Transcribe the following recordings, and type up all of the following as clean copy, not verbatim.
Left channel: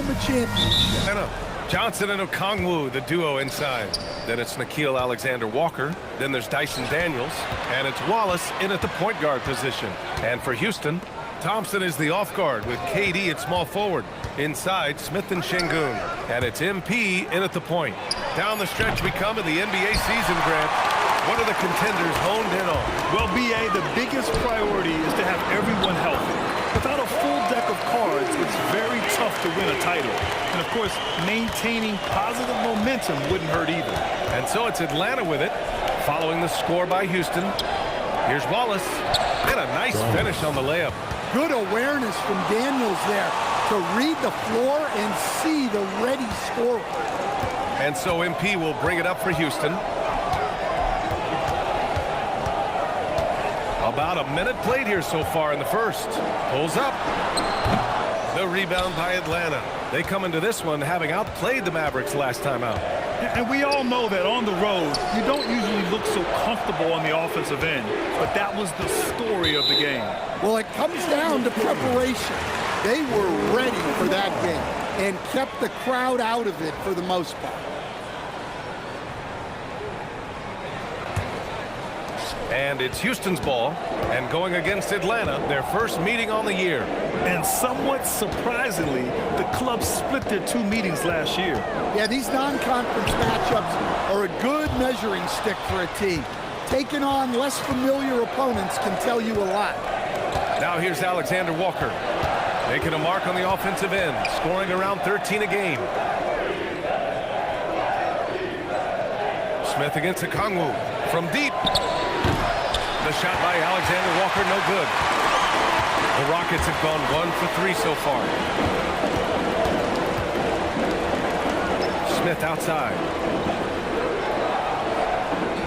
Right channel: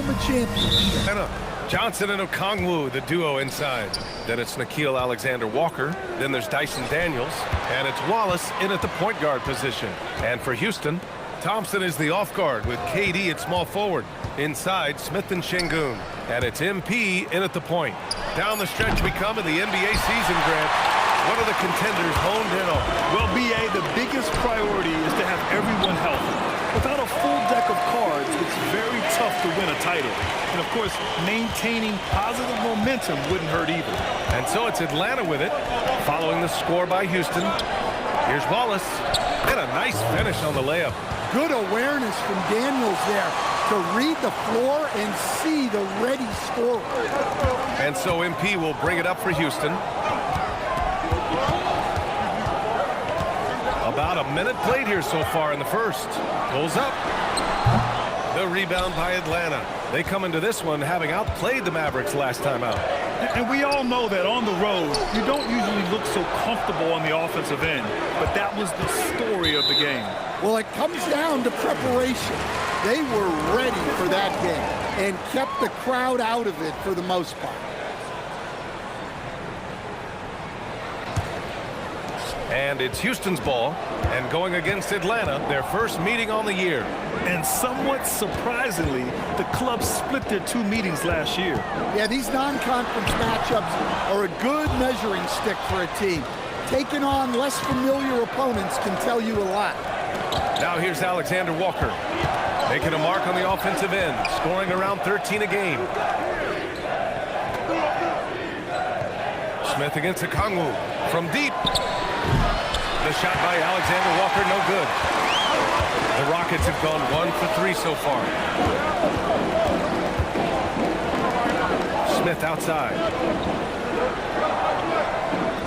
home a championship. Johnson and Okongwu, the duo inside. Then it's Nickeil Alexander-Walker. Then there's Dyson Daniels. And it's Wallace in at the point guard position. And for Houston, Thompson is the off guard with KD at small forward. Inside, Smith and Şengün. And it's MP in at the point. Down the stretch we come in the NBA season, Grant. What are the contenders honed in on? Well, B.A., the biggest priority is to have everyone healthy. Without a full deck of cards, it's very tough to win a title. And, of course, maintaining positive momentum wouldn't hurt either. And so it's Atlanta with it, following the score by Houston. Here's Wallace. And a nice finish on the layup. Good awareness from Daniels there to read the floor and see the ready scorer. And so MP will bring it up for Houston. About a minute played here so far in the first. Pulls up. The rebound by Atlanta. They come into this one having outplayed the Mavericks last time out. And we all know that on the road, you don't usually look so comfortable on the offensive end. But that was the story of the game. Well, it comes down to preparation. They were ready for that game and kept the crowd out of it for the most part. And it's Houston's ball, and going against Atlanta, their first meeting on the year. And somewhat surprisingly, the club split their two meetings last year. Yeah, these non-conference matchups are a good measuring stick for a team. Taking on less familiar opponents can tell you a lot. Now here's Alexander Walker, making a mark on the offensive end, scoring around 13 a game. Smith against Okongwu from deep. The shot by Alexander Walker, no good. The Rockets have gone 1 for 3 so far. Smith outside.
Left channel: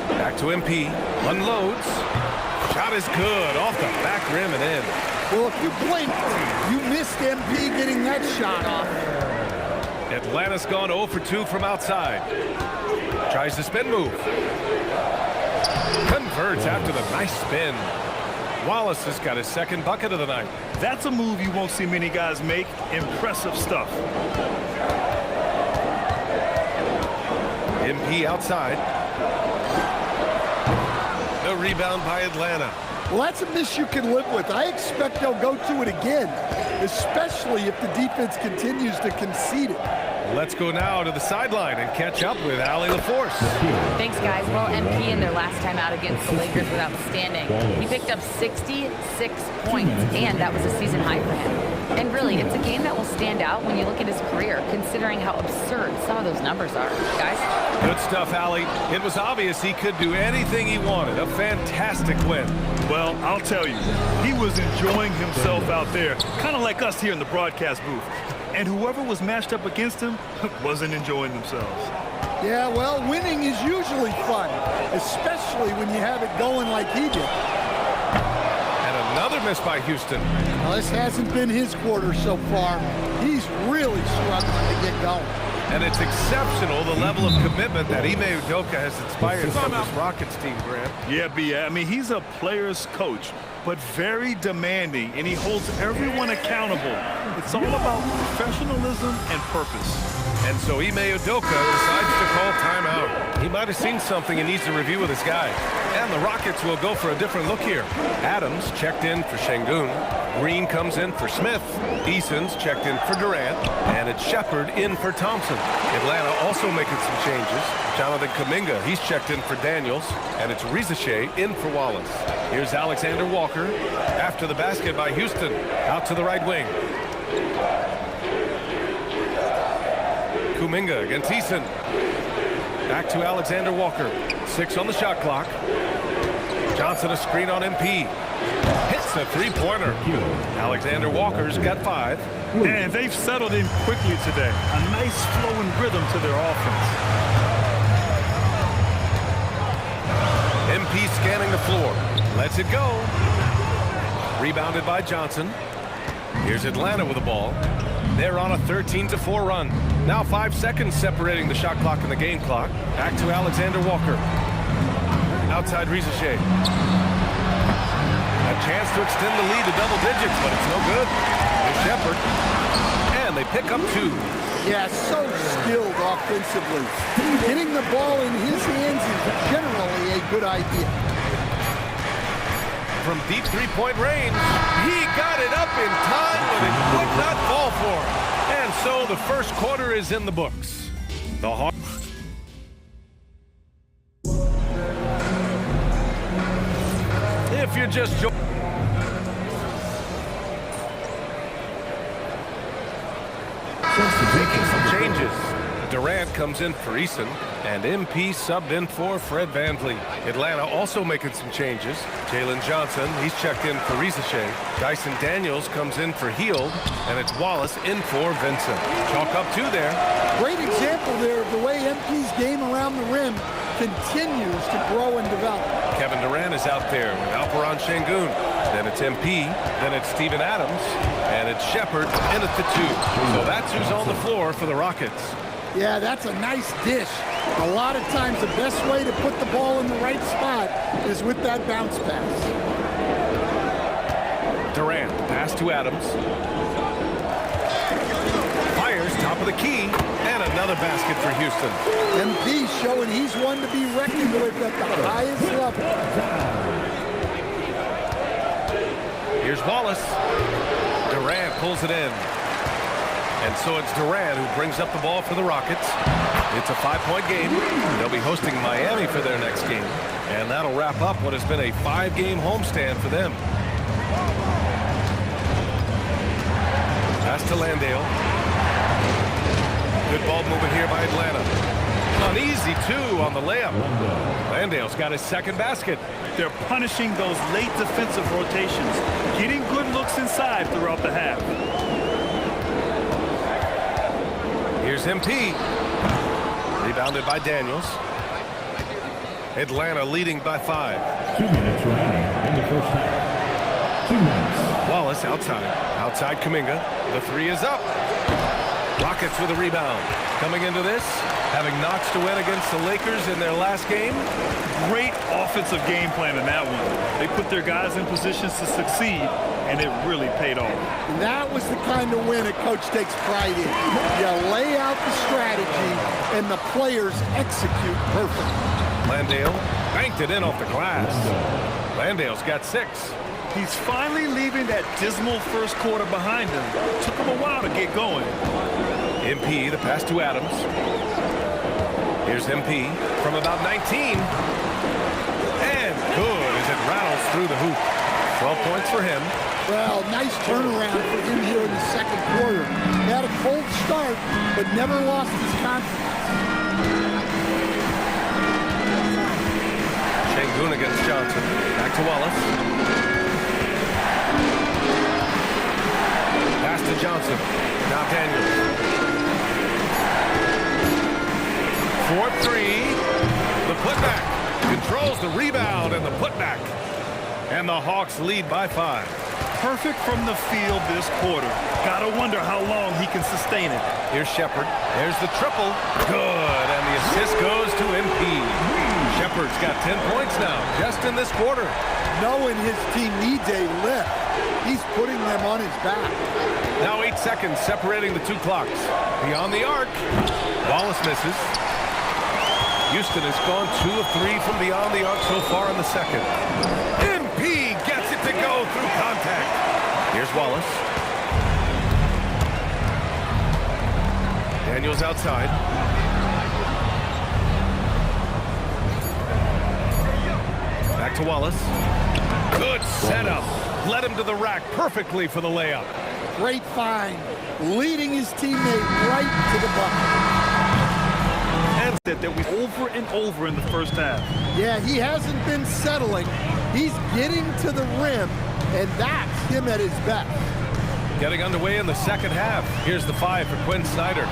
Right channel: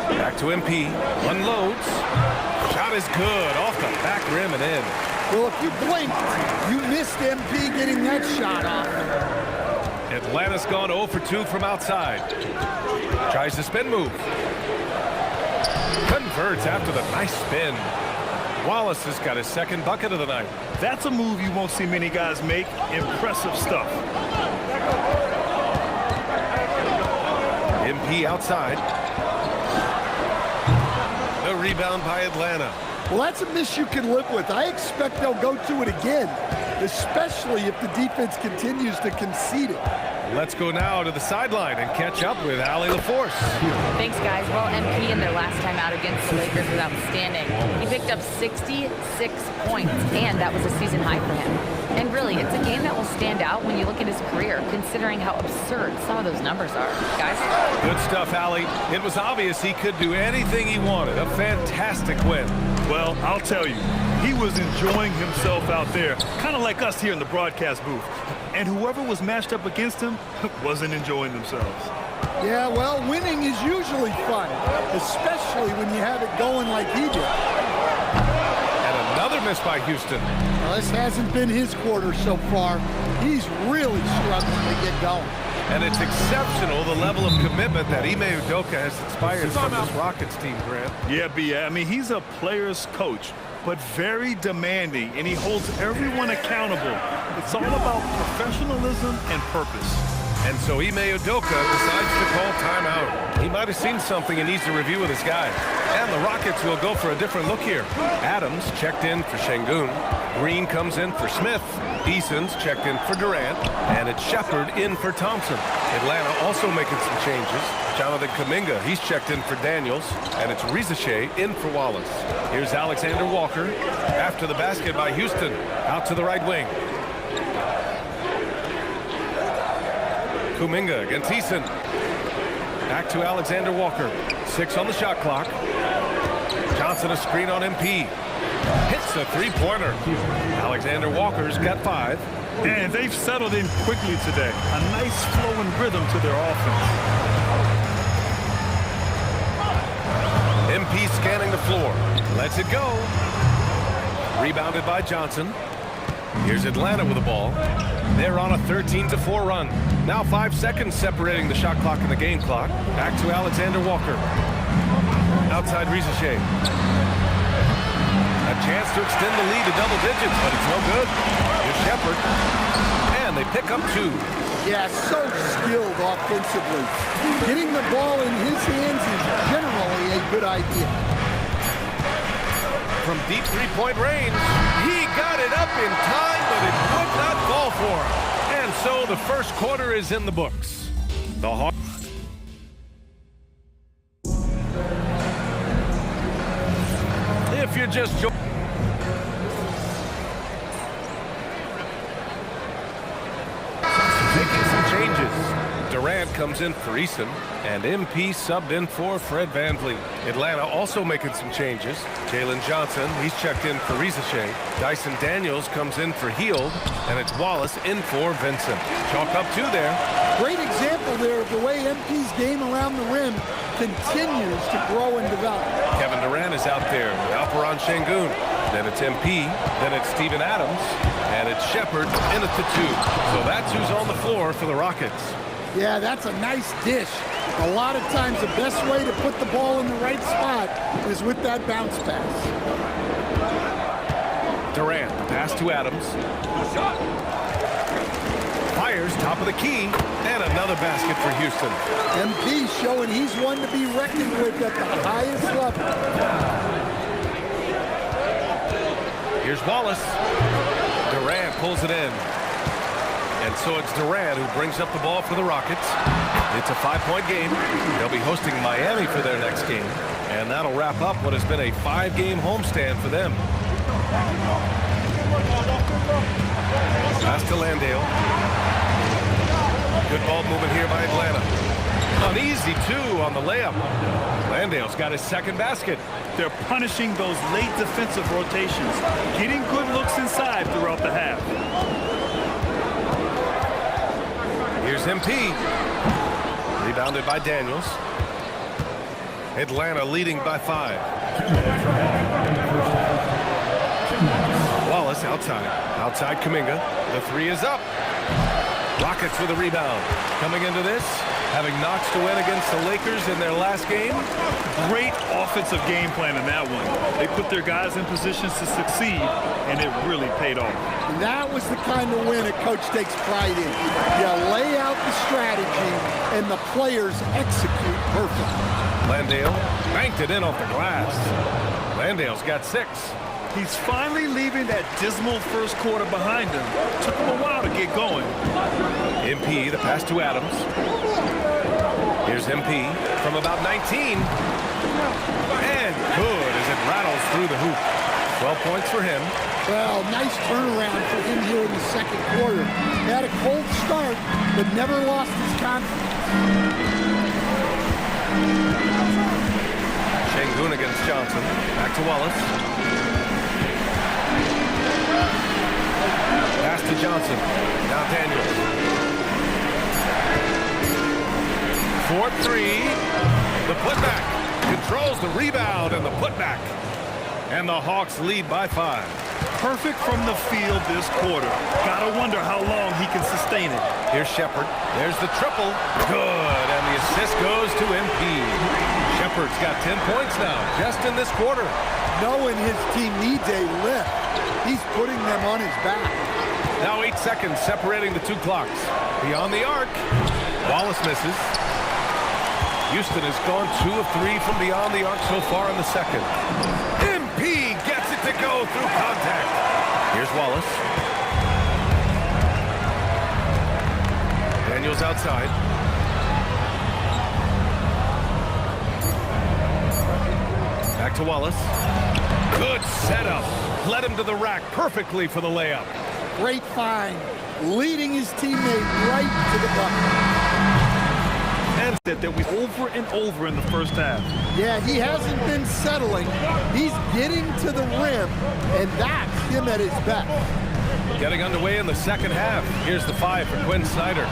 Back to MP. Unloads. Shot is good. Off the back rim and in. Well, if you blinked, you missed MP getting that shot off. Atlanta's gone 0 for 2 from outside. Tries the spin move. Converts after the nice spin. Wallace has got his second bucket of the night. That's a move you won't see many guys make. Impressive stuff. MP outside. The rebound by Atlanta. Well, that's a miss you can live with. I expect they'll go to it again, especially if the defense continues to concede it. Let's go now to the sideline and catch up with Allie LaForce. Thanks, guys. Well, MP in their last time out against the Lakers was outstanding. He picked up 66 points, and that was a season high for him. And really, it's a game that will stand out when you look at his career, considering how absurd some of those numbers are. Guys? Good stuff, Allie. It was obvious he could do anything he wanted. A fantastic win. Well, I'll tell you, he was enjoying himself out there, kind of like us here in the broadcast booth. And whoever was matched up against him wasn't enjoying themselves. Yeah, well, winning is usually fun, especially when you have it going like he did. And another miss by Houston. Well, this hasn't been his quarter so far. He's really struggling to get going. And it's exceptional, the level of commitment that Ime Udoka has inspired from this Rockets team, Grant. Yeah, B.A. I mean, he's a player's coach, but very demanding, and he holds everyone accountable. It's all about professionalism and purpose. And so Ime Udoka decides to call timeout. He might have seen something he needs to review with his guys. And the Rockets will go for a different look here. Adams checked in for Şengün. Green comes in for Smith. Eason's checked in for Durant. And it's Shepard in for Thompson. Atlanta also making some changes. Jonathan Kuminga, he's checked in for Daniels. And it's Rizachet in for Wallace. Here's Alexander Walker after the basket by Houston. Out to the right wing. Kuminga against Eason. Back to Alexander Walker. 6 on the shot clock. Johnson a screen on MP. Hits the three-pointer. Alexander Walker's got 5. And they've settled in quickly today. A nice flowing rhythm to their offense. MP scanning the floor. Lets it go. Rebounded by Johnson. Here's Atlanta with the ball. They're on a 13-4 run. Now 5 seconds separating the shot clock and the game clock. Back to Alexander Walker. Outside Rizachet. A chance to extend the lead to double digits, but it's no good. Here's Shepard. And they pick up 2. Yeah, so skilled offensively. Getting the ball in his hands is generally a good idea. From deep three-point range, he got it up in time, but it would not fall for him. And so the first quarter is in the books. The Hawks. If you're just making some changes, Durant comes in for Eason, and MP subbed in for Fred VanVleet. Atlanta also making some changes. Jalen Johnson, he's checked in for Rizachet. Dyson Daniels comes in for Hield, and it's Wallace in for Vincent. Chalk up 2 there. Great example there of the way MP's game around the rim continues to grow and develop. Kevin Durant is out there with Alperon Şengün. Then it's MP, then it's Steven Adams, and it's Shepherd in at the 2. So that's who's on the floor for the Rockets. Yeah, that's a nice dish. A lot of times the best way to put the ball in the right spot is with that bounce pass. Durant, the pass to Adams. Fires top of the key, and another basket for Houston. MP showing he's one to be reckoned with at the highest level. Here's Wallace. Durant pulls it in. And so it's Durant who brings up the ball for the Rockets. It's a 5-point game. They'll be hosting Miami for their next game. And that'll wrap up what has been a 5-game homestand for them. Pass to Landale. Good ball movement here by Atlanta. An easy 2 on the layup. Landale's got his second basket. They're punishing those late defensive rotations, getting good looks inside throughout the half. Here's MP. Rebounded by Daniels. Atlanta leading by 5. 2 minutes remaining in the first half. 2 minutes. Wallace outside. Outside Kuminga. The 3 is up. Rockets with a rebound. Coming into this, having knocks to win against the Lakers in their last game. Great offensive game plan in that one. They put their guys in positions to succeed, and it really paid off. And that was the kind of win a coach takes pride in. You lay out the strategy, and the players execute perfectly. Landale banked it in off the glass. Landale's got 6. He's finally leaving that dismal first quarter behind him. Took him a while to get going. MP, the pass to Adams. Here's MP from about 19. And good as it rattles through the hoop. 12 points for him. Well, nice turnaround for him here in the second quarter. He had a cold start, but never lost his confidence. Şengün against Johnson. Back to Wallace. Pass to Johnson. Now Daniels. 4-3. The putback. Controls the rebound and the putback. And the Hawks lead by 5. Perfect from the field this quarter. Gotta wonder how long he can sustain it. Here's Shepherd. There's the triple. Good. And the assist goes to MP. Shepherd's got 10 points now just in this quarter. Knowing his team needs a lift, he's putting them on his back. Now 8 seconds separating the 2 clocks. Beyond the arc. Wallace misses. Houston has gone 2 of 3 from beyond the arc so far in the second. MP gets it to go through contact. Here's Wallace. Daniels outside. Back to Wallace. Good setup. Led him to the rack perfectly for the layup. Great find, leading his teammate right to the bucket. And that we over and over in the first half. Yeah, he hasn't been settling. He's getting to the rim, and that's him at his best. Getting underway in the second half. Here's the 5 for Quinn Snyder.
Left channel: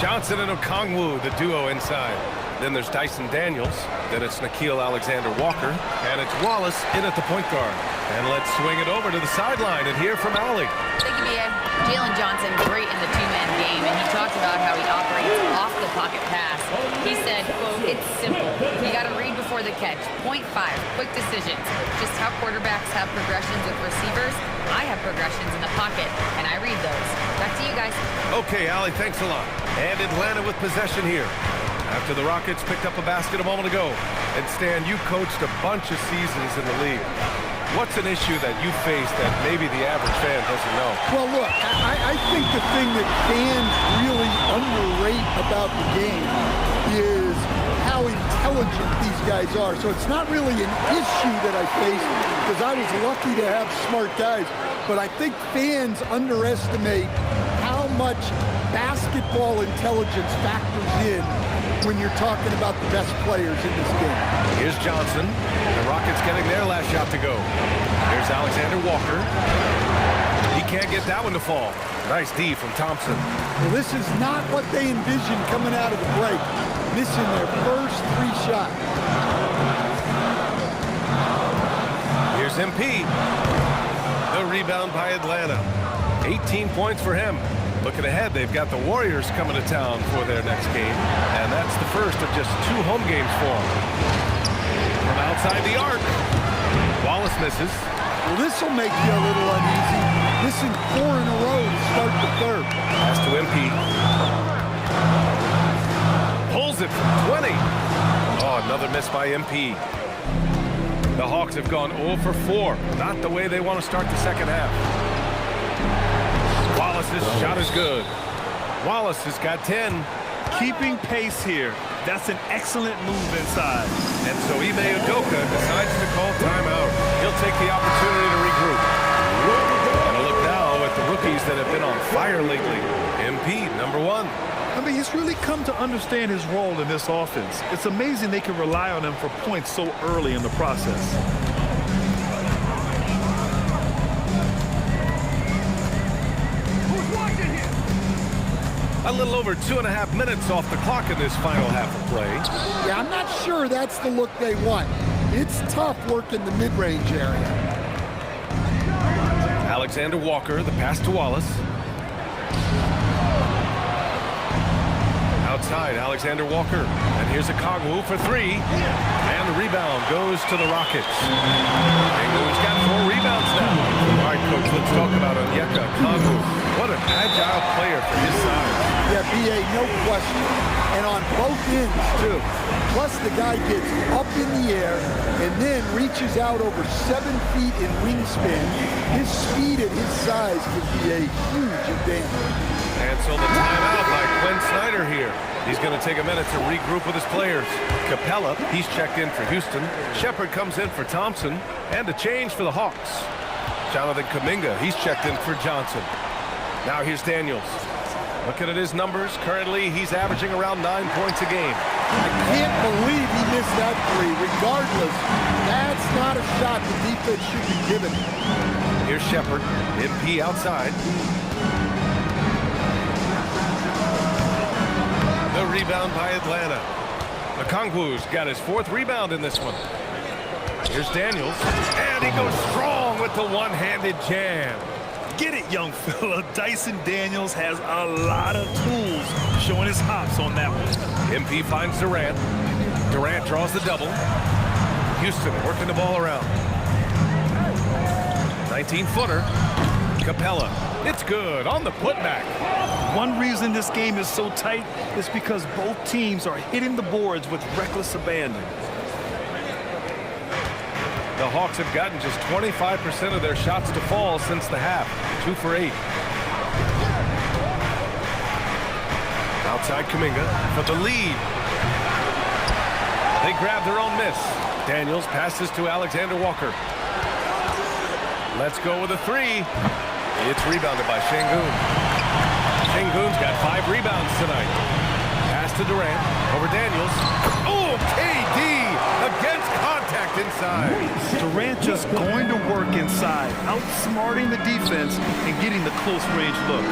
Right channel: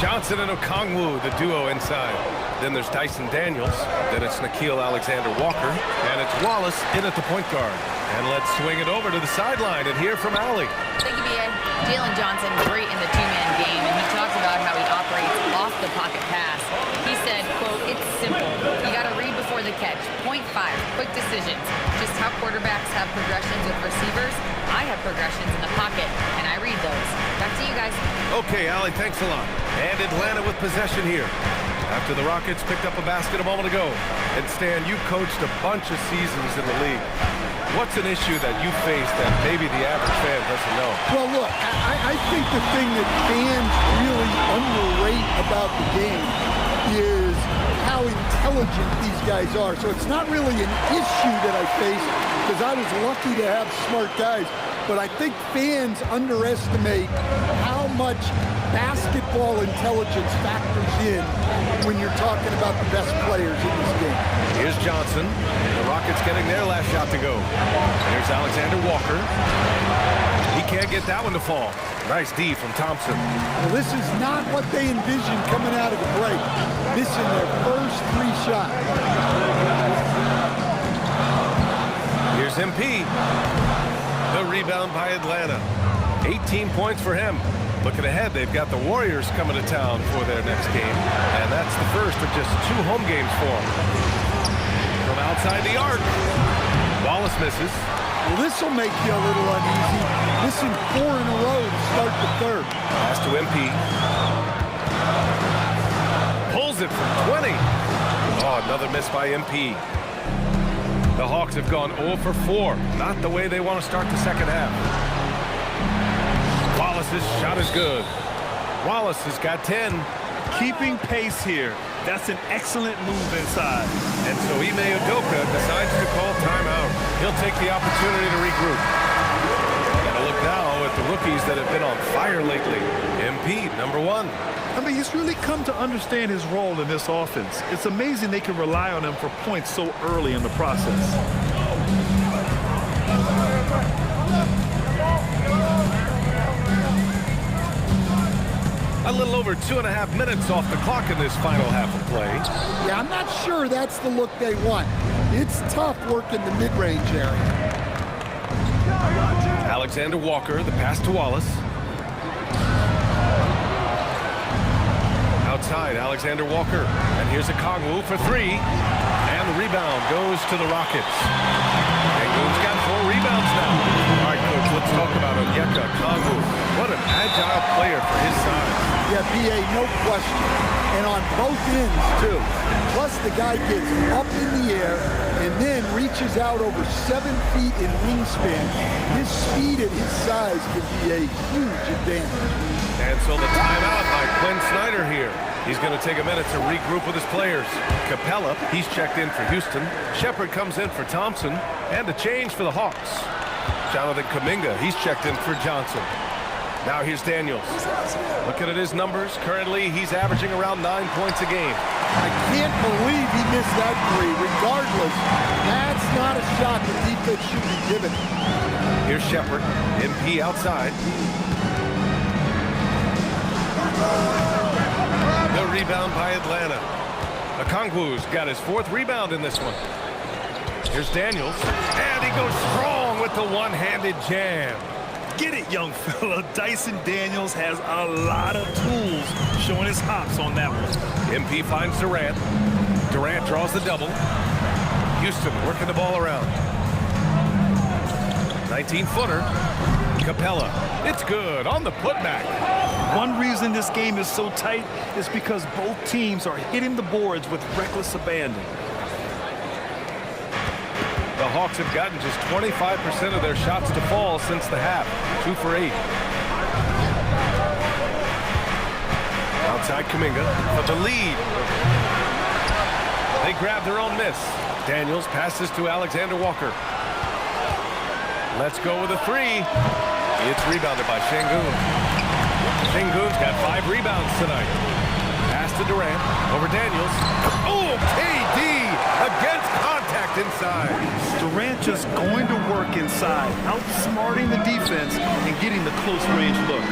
Johnson and Okongwu, the duo inside. Then there's Dyson Daniels. Then it's Nickeil Alexander-Walker. And it's Wallace in at the point guard. And let's swing it over to the sideline and hear from Allie. Thank you, B.A. Jalen Johnson, great in the 2-man game, and he talks about how he operates off the pocket pass. He said, quote, "It's simple. You got to read before the catch. Point 5, quick decisions. Just how quarterbacks have progressions with receivers, I have progressions in the pocket, and I read those." Back to you guys. Okay, Allie, thanks a lot. And Atlanta with possession here. After the Rockets picked up a basket a moment ago. And Stan, you coached a bunch of seasons in the league. What's an issue that you face that maybe the average fan doesn't know? Well, look, I think the thing that fans really underrate about the game is how intelligent these guys are. So it's not really an issue that I face because I was lucky to have smart guys. But I think fans underestimate how much basketball intelligence factors in when you're talking about the best players in this game. Here's Johnson. The Rockets getting their last shot to go. Here's Alexander Walker. He can't get that one to fall. Nice D from Thompson. Well, this is not what they envisioned coming out of the break. Missing their first 3 shots. Here's MP. The rebound by Atlanta. 18 points for him. Looking ahead, they've got the Warriors coming to town for their next game. And that's the first of just 2 home games for them. From outside the arc. Wallace misses. Well, this will make you a little uneasy. Missing 4 in a row to start the third. Pass to MP. Pulls it from 20. Oh, another miss by MP. The Hawks have gone 0 for 4. Not the way they want to start the second half. Wallace's shot is good. Wallace has got 10. Keeping pace here. That's an excellent move inside. And so Ime Udoka decides to call timeout. He'll take the opportunity to regroup. And a look now at the rookies that have been on fire lately. MP, number 1. I mean, he's really come to understand his role in this offense. It's amazing they can rely on him for points so early in the process. A little over 2.5 minutes off the clock in this final half of play. Yeah, I'm not sure that's the look they want. It's tough working the mid-range area. Alexander Walker, the pass to Wallace. Outside, Alexander Walker. And here's a Kongwu for 3. And the rebound goes to the Rockets. Sengun's got 4 rebounds now. All right, Coach, let's talk about Onyeka Kongwu. What an agile player for his size. Yeah, B.A., no question. And on both ends, too. Plus, the guy gets up in the air and then reaches out over 7 feet in wingspan. His speed at his size can be a huge advantage. And so the timeout by Quinn Snyder here. He's going to take a minute to regroup with his players. Capella, he's checked in for Houston. Shepard comes in for Thompson. And a change for the Hawks. Jonathan Kuminga, he's checked in for Johnson. Now here's Daniels. Looking at his numbers, currently he's averaging around 9 points a game. I can't believe he missed that 3. Regardless, that's not a shot the defense should be giving. Here's Shepard. MP outside. The rebound by Atlanta. Okongwu's got his 4th rebound in this one. Here's Daniels. And he goes strong with the one-handed jam. Get it, young fella. Dyson Daniels has a lot of tools, showing his hops on that one. MP finds Durant. Durant draws the double. Houston working the ball around. 19-footer. Capella. It's good on the putback. One reason this game is so tight is because both teams are hitting the boards with reckless abandon. The Hawks have gotten just 25% of their shots to fall since the half. 2 for 8. Outside Kuminga for the lead. They grab their own miss. Daniels passes to Alexander Walker. Let's go with a 3. It's rebounded by Sengun. Sengun's got 5 rebounds tonight. Pass to Durant over Daniels. Oh, KD against contact inside. Durant just going to work inside, outsmarting the defense and getting the close range look.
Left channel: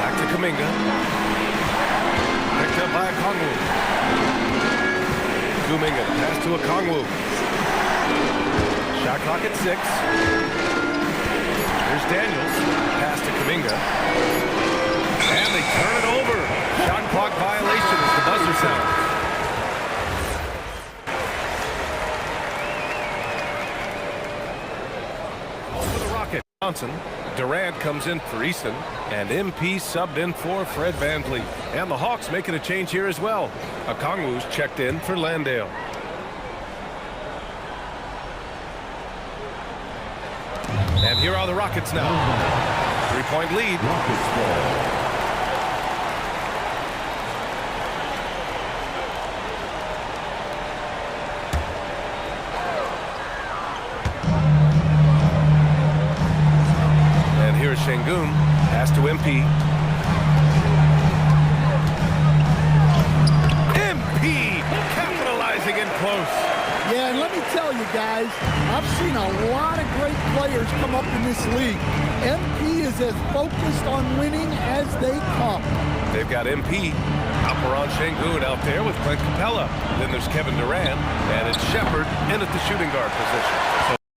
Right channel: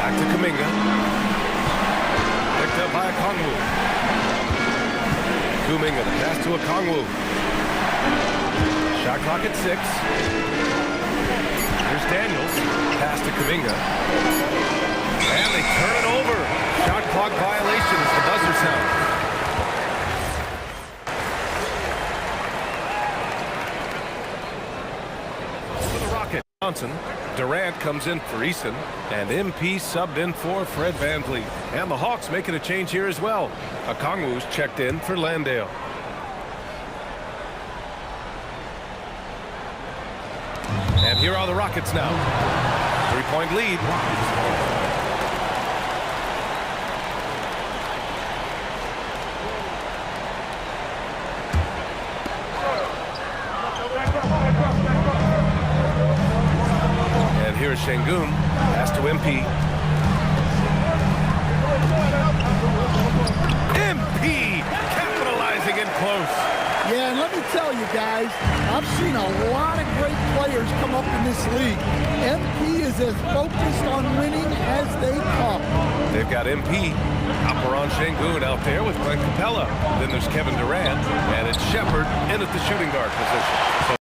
Back to Kuminga. Picked up by Okongwu. Kuminga, the pass to Okongwu. Shot clock at 6. Here's Daniels. Pass to Kuminga. And they turn it over. Shot clock violation as the buzzer sounds. For the Rocket, Johnson. Durant comes in for Eason, and MP subbed in for Fred VanVleet. And the Hawks making a change here as well. Okongwu's checked in for Landale. And here are the Rockets now. 3-point lead. And here's Şengün. Pass to MP. MP capitalizing in close. Yeah, and let me tell you guys, I've seen a lot of great players come up in this league. MP is as focused on winning as they come. They've got MP, Alperen Şengün out there with Clint Capella. Then there's Kevin Durant, and it's Shepherd in at the shooting guard position. So